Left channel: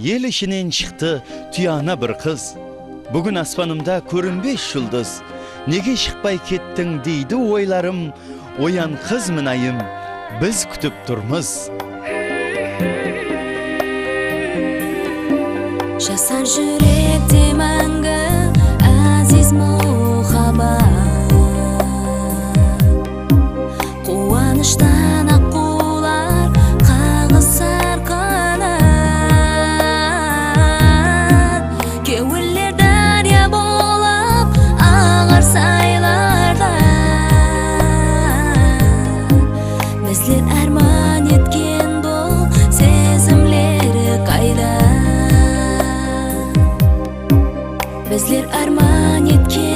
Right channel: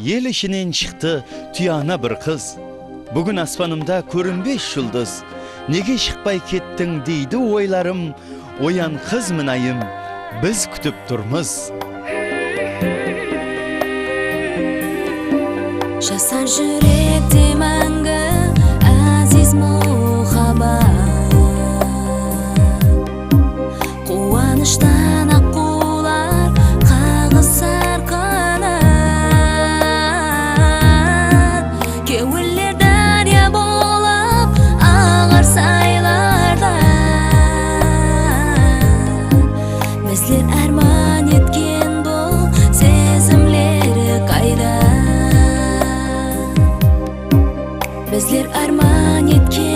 Ел ішінен шықты түйана бір қыз. Бүгін аспанымда көрінбес жұлдыз. Неге шықпай кеттің дейді ойларым. Оян қыз мінайым, біз күтіп тұрмыз. Жасар жүректе мәңгі әзиз мұхаббат. Қуаныштан аққулар қағысар қанат. Кеуілер дария болып ағар сайларда. Біздер арман еткен бұл сезімлері қайда. Біздер арман еткен